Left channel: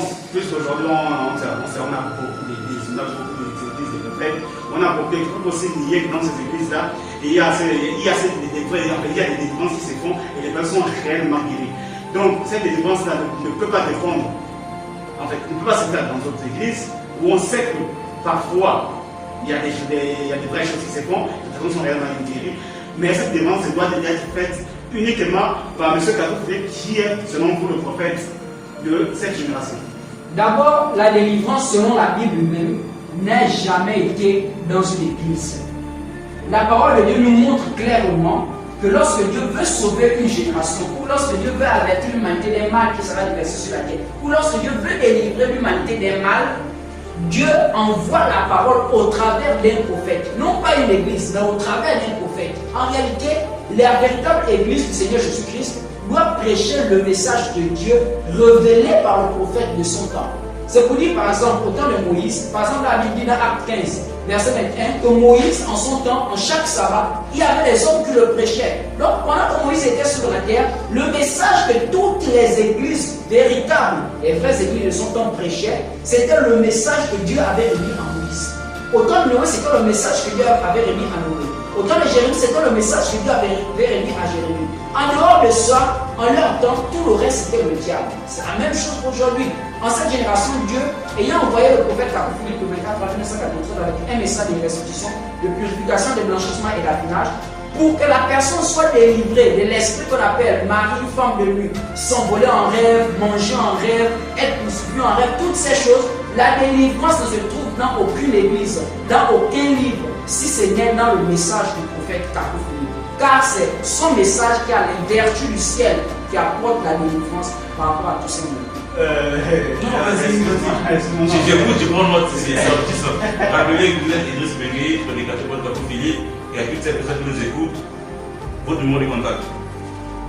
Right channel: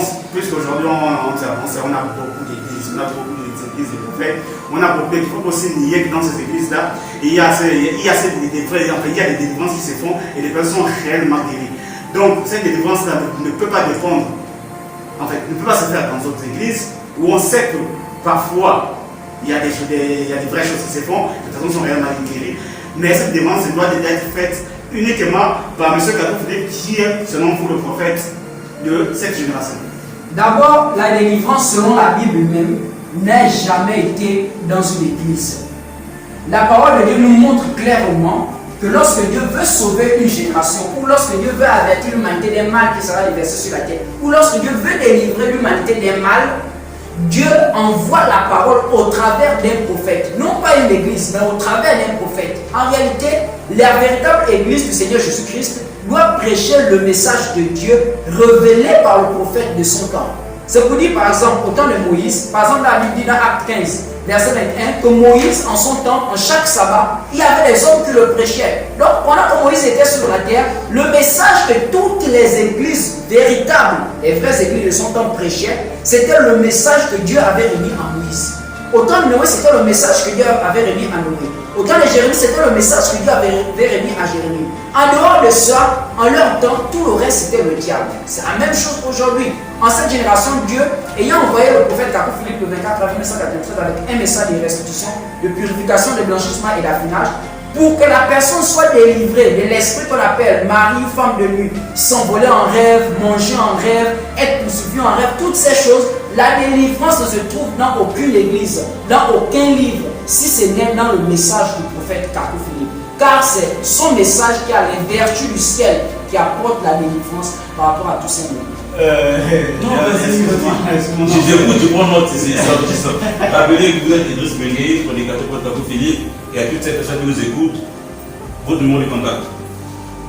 délivrance, puisqu'aujourd'hui on a beaucoup d'églises, on a beaucoup d'églises de prophètes, on a beaucoup, il faut aussi nier que dans ces églises-là, il y a des délivrances qui se font et les personnes sont réellement guéries. Donc cette délivrance-là ne peut pas dépendre, en fait, ne peut pas se faire dans d'autres églises où on sait que parfois il y a des vraies choses qui se font, les personnes sont réellement guéries, mais cette délivrance doit être faite uniquement par M. Kakou Philippe qui est, selon vous, le prophète de cette génération. D'abord, la délivrance selon la Bible même n'a jamais été dans une église. La parole de Dieu nous montre clairement que lorsque Dieu veut sauver une génération, ou lorsque Dieu veut avertir l'humanité des mal qui sera déversé sur la terre, ou lorsque Dieu veut délivrer l'humanité des mal, Dieu envoie la parole au travers d'un prophète. Non pas une église, mais au travers d'un prophète. En réalité, la véritable église du Seigneur Jésus-Christ doit prêcher le message de Dieu révélé par le prophète de son temps. C'est pour dire par exemple au temps de Moïse, par exemple la Bible dit dans Acte 15, verset 21, que Moïse en son temps, en chaque sabbat, il y avait des hommes qui le prêchaient. Donc pendant que Moïse était sur la terre, le message que toutes les églises véritables, les vraies églises de son temps prêchaient, c'était le message que Dieu avait remis à Moïse. Au temps de Noé, c'était le message que Dieu avait remis à Noé. Au temps de Jérémie, c'était le message que Dieu avait remis à Jérémie. En dehors de ça, en leur temps, tout le reste c'était le diable. C'est la même chose aujourd'hui. En cette génération, Dieu, ayant envoyé le prophète Kakou Philippe le 24 avril 1993 avec un message de restitution, de purification, de blanchissement et d'affinage, pour que la personne soit délivrée de l'esprit qu'on appelle mari ou femme de nuit, s'envoler en rêve, manger en rêve, être poursuivi en rêve, toutes ces choses, la délivrance ne se trouve dans aucune église, dans aucun livre, si ce n'est dans le message du prophète Kakou Philippe. Car c'est son message qui a les vertus du ciel qui apporte la délivrance par rapport à tous ces mots. Je prends note, rappelez que vous êtes Idriss Bengué, prédicateur de Kakou Philippe, et à toutes ces personnes qui nous écoutent, votre numéro de contact.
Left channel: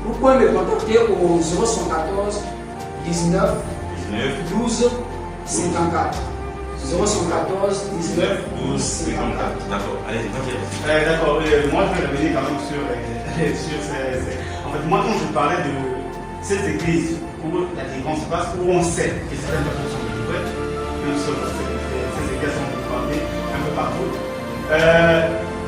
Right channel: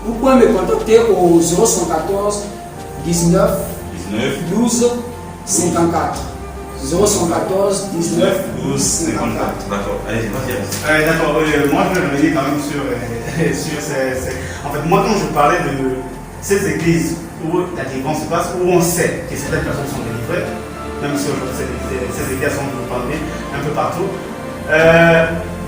Vous pouvez me contacter au 014 19 12 54. 014 19 12 54. D'accord, allez-y, D'accord, moi je vais revenir quand même sur ces. En fait, moi quand je parlais de ces églises où la délivrance se passe, où on sait que certaines personnes sont délivrées, même si ces églises sont parmi un peu partout,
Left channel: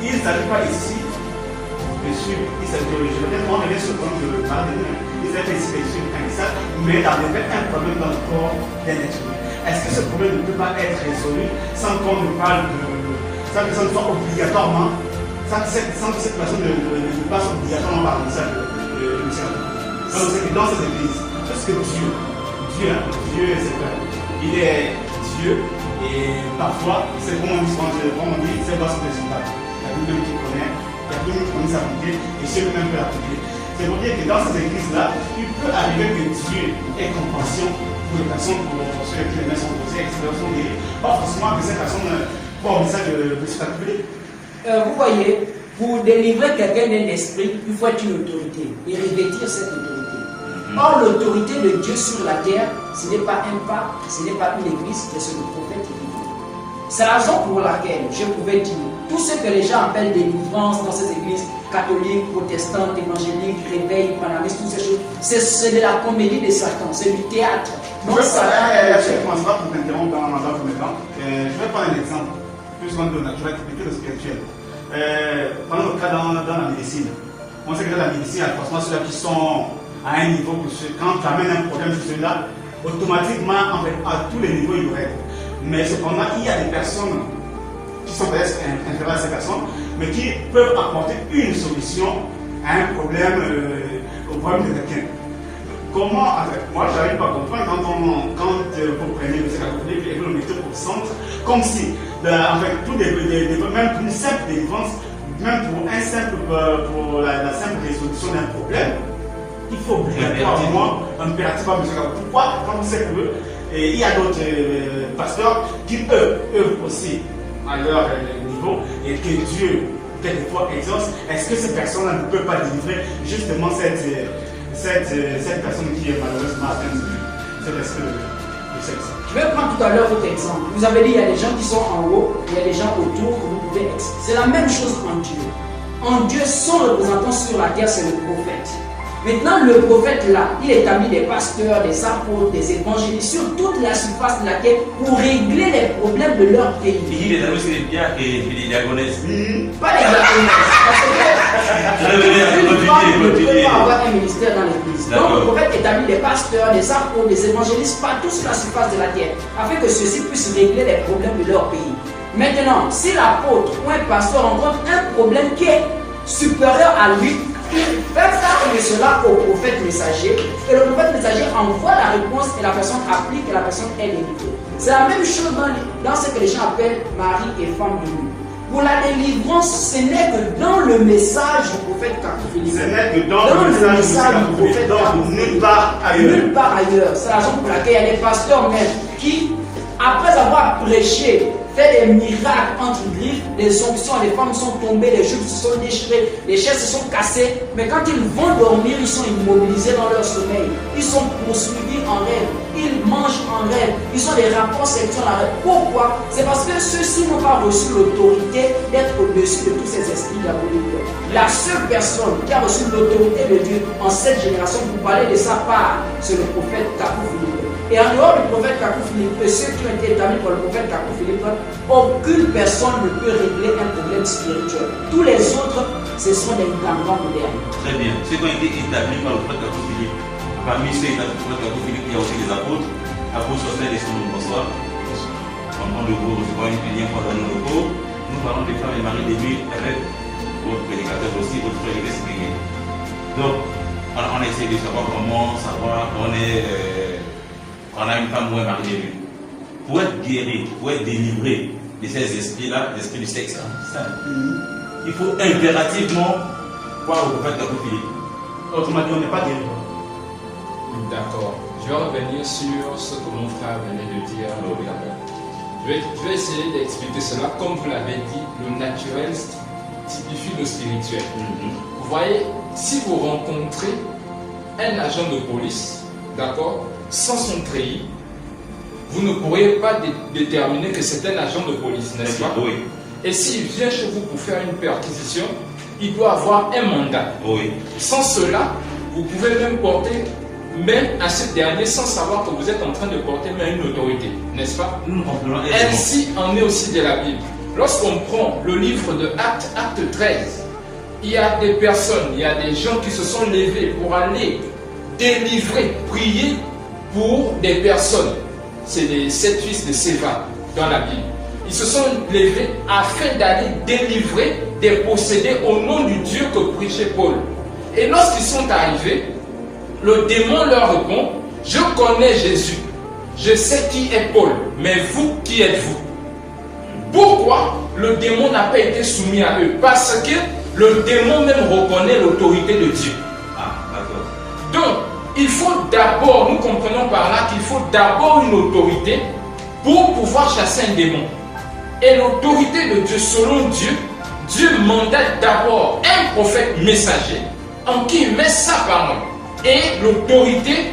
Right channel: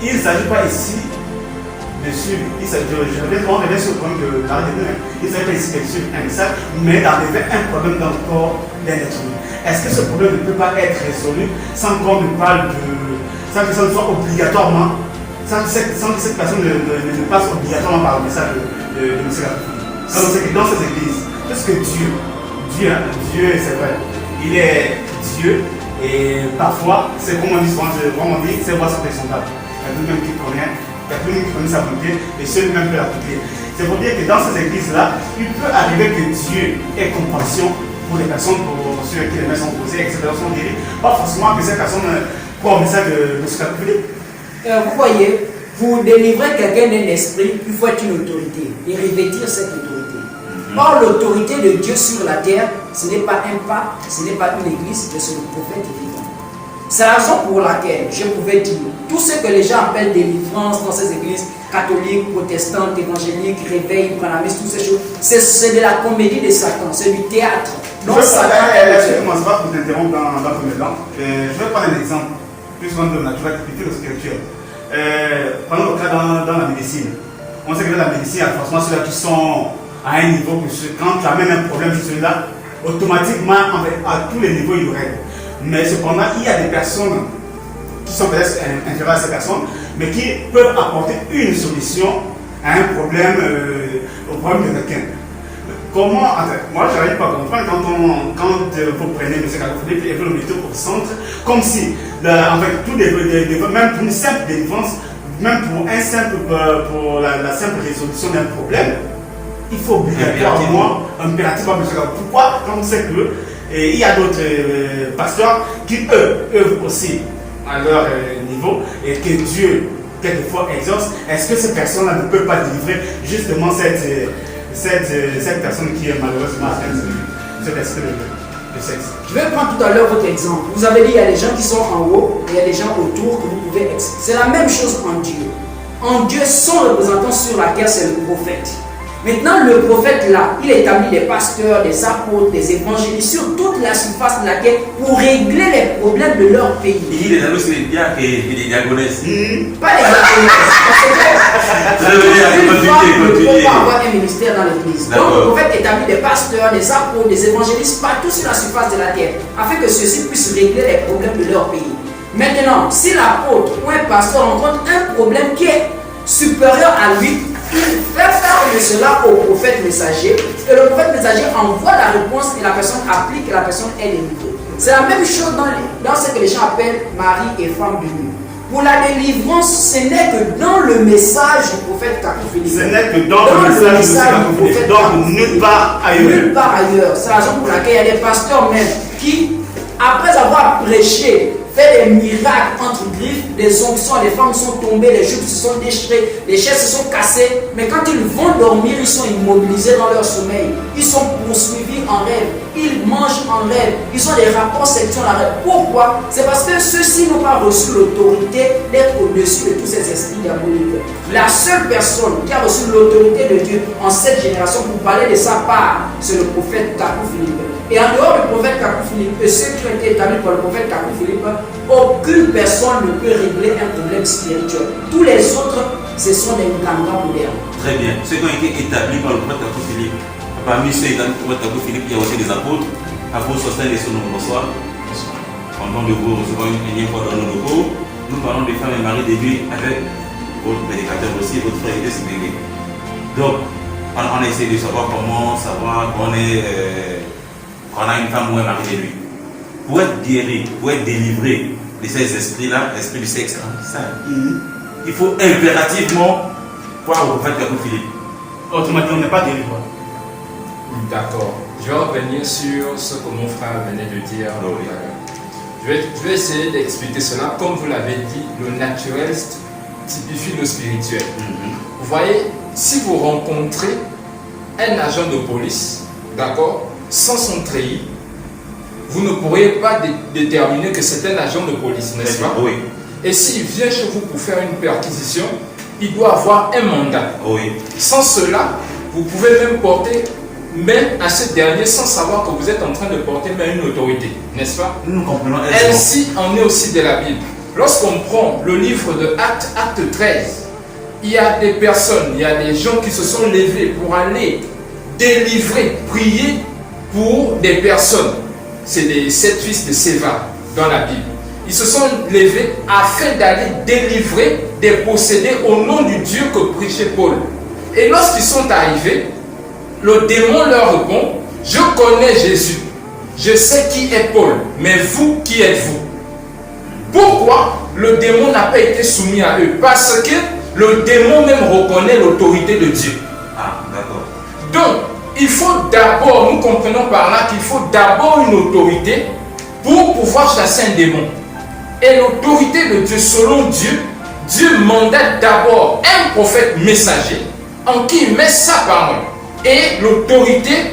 il ne s'agit pas ici de suivre, je vais revenir sur le problème de la délivrance, il ne s'agit pas ici de suivre un message, mais d'enlever un problème dans le corps d'un être humain. Est-ce que ce problème ne peut pas être résolu sans qu'on ne parle de. Sans que ça ne soit obligatoirement, sans que cette personne ne passe obligatoirement par le message de M. Kakou. Dans ces églises, parce que Dieu c'est vrai, il est Dieu et parfois, c'est comme on dit, c'est voix sont présentables. Il y a lui-même qui connaît, il y a lui-même qui connaît sa volonté et celui-même peut l'appliquer. C'est pour dire que dans ces églises-là, il peut arriver que Dieu ait compassion pour les personnes, pour ceux qui les mains sont posées, etc. sont guéris. Pas forcément que ces personnes croient au message de M. Kakou Philippe. Vous voyez, pour délivrer quelqu'un d'un esprit, il faut être une autorité et revêtir cette autorité. Or, l'autorité de Dieu sur la terre, ce n'est pas un pape, ce n'est pas une église, mais c'est le prophète vivant. C'est la raison pour laquelle je pouvais dire tout ce que les gens appellent délivrance dans ces églises catholiques, protestantes, évangéliques, réveil, pranamistes, toutes ces choses, c'est de la comédie de Satan, c'est du théâtre. Donc, je ne commence pas pour t'interrompre dans le premier temps. Je vais prendre un exemple, puisqu'on donne qui va typifier le spirituel. Prenons le cas dans la médecine. On sait que dans la médecine, il y a forcément ceux-là qui sont à un niveau que quand tu amènes un problème sur celui-là, automatiquement, en fait, à tous les niveaux, il y aurait. Mais cependant, il y a des personnes qui sont peut-être inférieures à ces personnes, mais qui peuvent apporter une solution à un problème, au problème de quelqu'un. Comment, moi je n'arrive pas à comprendre quand vous prenez M. Kakou Philippe et vous le mettez au centre, comme si, avec tout même pour une simple délivrance, même pour la simple résolution d'un problème, il faut obligatoirement impérativement M. Kakou. Pourquoi? Quand on sait qu'il y a d'autres pasteurs qui œuvrent aussi à leur niveau et que Dieu quelquefois exauce, est-ce que ces personnes-là ne peuvent pas délivrer justement cette personne qui est malheureusement atteinte de cet esprit de sexe? Je vais prendre tout à l'heure votre exemple. Vous avez dit qu'il y a des gens qui sont en haut et il y a des gens autour que vous pouvez expliquer. C'est la même chose en Dieu. En Dieu, son représentant sur la terre, c'est le prophète. Maintenant, le prophète là, il établit des pasteurs, des apôtres, des évangélistes sur toute la surface de la terre pour régler les problèmes de leur pays. Il dit les anneaux, c'est bien et les diagonesses. Pas les diagonesses. Parce que ne peut pas avoir un ministère dans l'église. Donc le prophète établit des pasteurs, des apôtres, des évangélistes partout sur la surface de la terre, afin que ceux-ci puissent régler les problèmes de leur pays. Maintenant, si l'apôtre ou un pasteur rencontre un problème qui est supérieur à lui, il fait part de cela au prophète messager, et le prophète messager envoie la réponse et la personne applique et la personne est délivrée. C'est la même chose dans ce que les gens appellent mari et femme de nuit. Pour la délivrance, ce n'est que dans le message du prophète Kakou Philippe. Ce n'est que dans le message du Kakou Philippe. Donc nulle part ailleurs. Nulle part ailleurs. C'est la raison pour laquelle il y a des pasteurs même qui, après avoir prêché, fait des miracles entre griffes, des onctions, les femmes sont tombées, les jupes se sont déchirées, les chaises se sont cassées. Mais quand ils vont dormir, ils sont immobilisés dans leur sommeil. Ils sont poursuivis en rêve. Ils mangent en rêve. Ils ont des rapports sexuels en rêve. Pourquoi? C'est parce que ceux-ci n'ont pas reçu l'autorité d'être au-dessus de tous ces esprits diaboliques. La seule personne qui a reçu l'autorité de Dieu en cette génération pour parler de sa part, c'est le prophète Kakou Philippe. Et en dehors du prophète Kakou Philippe et ceux qui ont été établis par le prophète Kakou Philippe, aucune personne ne peut régler un problème spirituel. Tous les autres, ce sont des gangas modernes. Très bien. Ceux qui ont été établis par le prophète Kakou Philippe, parmi ceux établis par le prophète Kakou Philippe, il y a aussi des apôtres. Apôtres Sosthène et son bonsoir. En nom de vous recevons une lien pour dans nos locaux. Nous parlons des femmes et maris des nuits avec votre prédicateur aussi, votre frère Église Bégué. Donc, on essaie de savoir comment savoir qu'on a une femme ou un mari de nuit. Pour être guéri, pour être délivré de ces esprits-là, l'esprit du sexe, il faut impérativement voir au prophète Kakou Philippe. Autrement dit, on n'est pas délivré. D'accord. Je vais revenir sur ce que mon frère venait de dire. Je vais essayer d'expliquer cela. Comme vous l'avez dit, le naturel typifie le spirituel. Vous voyez, si vous rencontrez un agent de police, d'accord, sans son treillis, vous ne pourrez pas déterminer que c'est un agent de police, n'est-ce pas? Oui. Et s'il vient chez vous pour faire une perquisition, il doit avoir un mandat. Oui. Sans cela, vous pouvez même porter main à ce dernier sans savoir que vous êtes en train de porter main à une autorité, n'est-ce pas? Nous comprenons. Ainsi en est aussi de la Bible. Lorsqu'on prend le livre de Actes, Acte 13, il y a des personnes, il y a des gens qui se sont levés pour aller délivrer, prier pour des personnes. C'est les 7 fils de Séva dans la Bible. Ils se sont levés afin d'aller délivrer des possédés au nom du Dieu que prêchait Paul. Et lorsqu'ils sont arrivés, le démon leur répond: je connais Jésus, je sais qui est Paul, mais vous, qui êtes-vous? Pourquoi le démon n'a pas été soumis à eux? Parce que le démon même reconnaît l'autorité de Dieu. Ah, d'accord. Donc, il faut d'abord, nous comprenons par là qu'il faut d'abord une autorité pour pouvoir chasser un démon. Et l'autorité de Dieu, selon Dieu, Dieu mandate d'abord un prophète messager en qui il met sa parole et l'autorité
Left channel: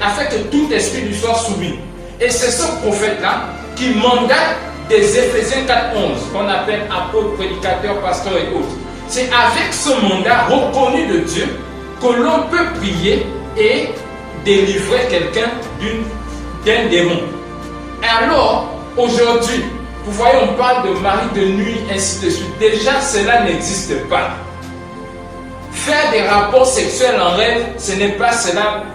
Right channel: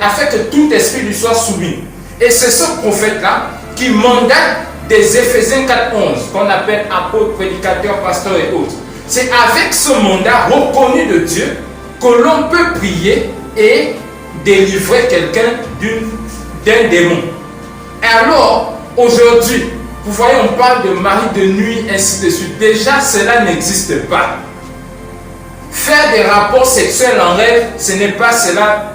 afin que tout esprit lui soit soumis. Et c'est ce prophète-là qui mandate des Éphésiens 4:11 qu'on appelle apôtres, prédicateurs, pasteurs et autres. C'est avec ce mandat reconnu de Dieu que l'on peut prier et délivrer quelqu'un d'un démon. Et alors, aujourd'hui, vous voyez, on parle de mari de nuit, ainsi de suite. Déjà, cela n'existe pas. Faire des rapports sexuels en rêve, ce n'est pas cela,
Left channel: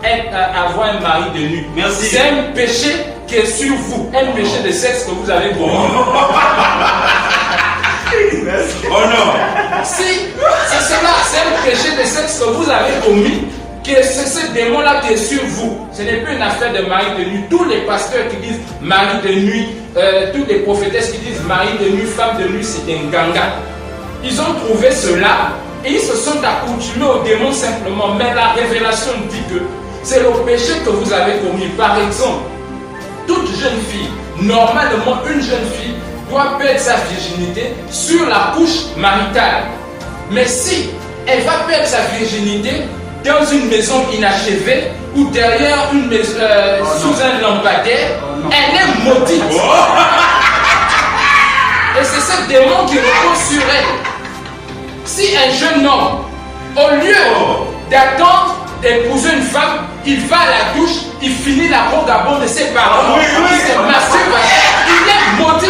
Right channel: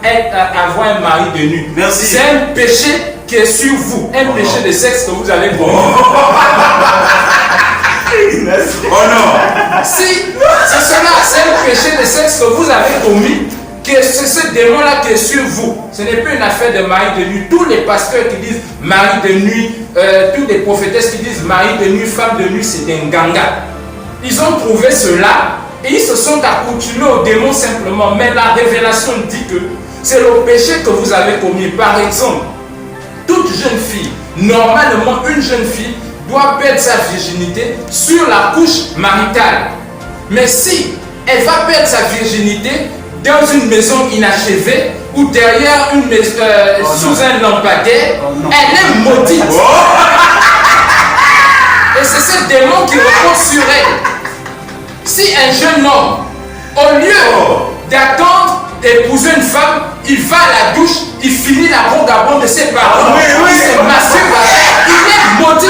avoir un mari de nuit. Merci. C'est un péché qui est sur vous, un péché de sexe que vous allez voir. Oh non! Si c'est cela, c'est un péché de sexe que vous avez commis, que c'est ce démon-là qui est sur vous. Ce n'est pas une affaire de mari de nuit. Tous les pasteurs qui disent mari de nuit, toutes les prophétesses qui disent mari de nuit, femme de nuit, c'est des gangas. Ils ont trouvé cela et ils se sont accoutumés au démon simplement. Mais la révélation dit que c'est le péché que vous avez commis. Par exemple, toute jeune fille, normalement une jeune fille, doit perdre sa virginité sur la couche maritale. Mais si elle va perdre sa virginité dans une maison inachevée ou derrière une maison, sous un lampadaire, elle est maudite. Et c'est ce démon qui repose sur elle. Si un jeune homme Au lieu d'attendre d'épouser une femme, il va à la douche, il finit la vagabonde de ses parents, il se masturbe, il est maudit.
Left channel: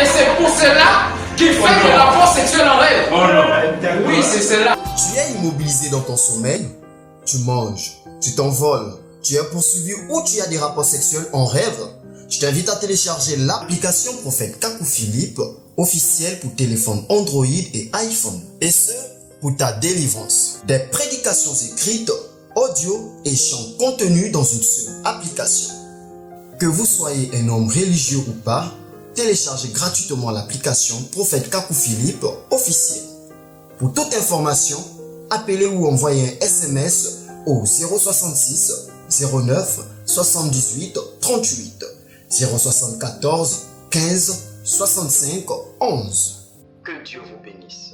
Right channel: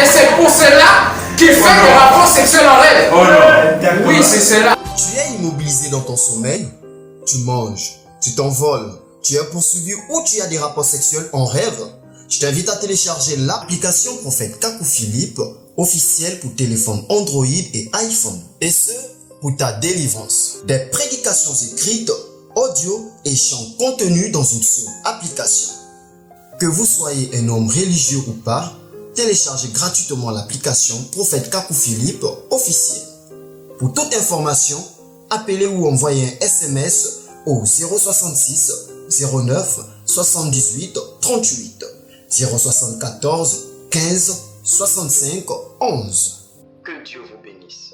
Et c'est pour cela qu'il fait des rapports sexuels en rêve. Oh non. Oui, c'est cela. Tu es immobilisé dans ton sommeil, tu manges, tu t'envoles, tu es poursuivi ou tu as des rapports sexuels en rêve. Je t'invite à télécharger l'application Prophète Kakou Philippe, officielle pour téléphone Android et iPhone. Et ce, pour ta délivrance. Des prédications écrites, audio et chants contenus dans une seule application. Que vous soyez un homme religieux ou pas, téléchargez gratuitement l'application Prophète Kakou Philippe officiel. Pour toute information, appelez ou envoyez un SMS au 066 09 78 38 074 15 65 11. Que Dieu vous bénisse.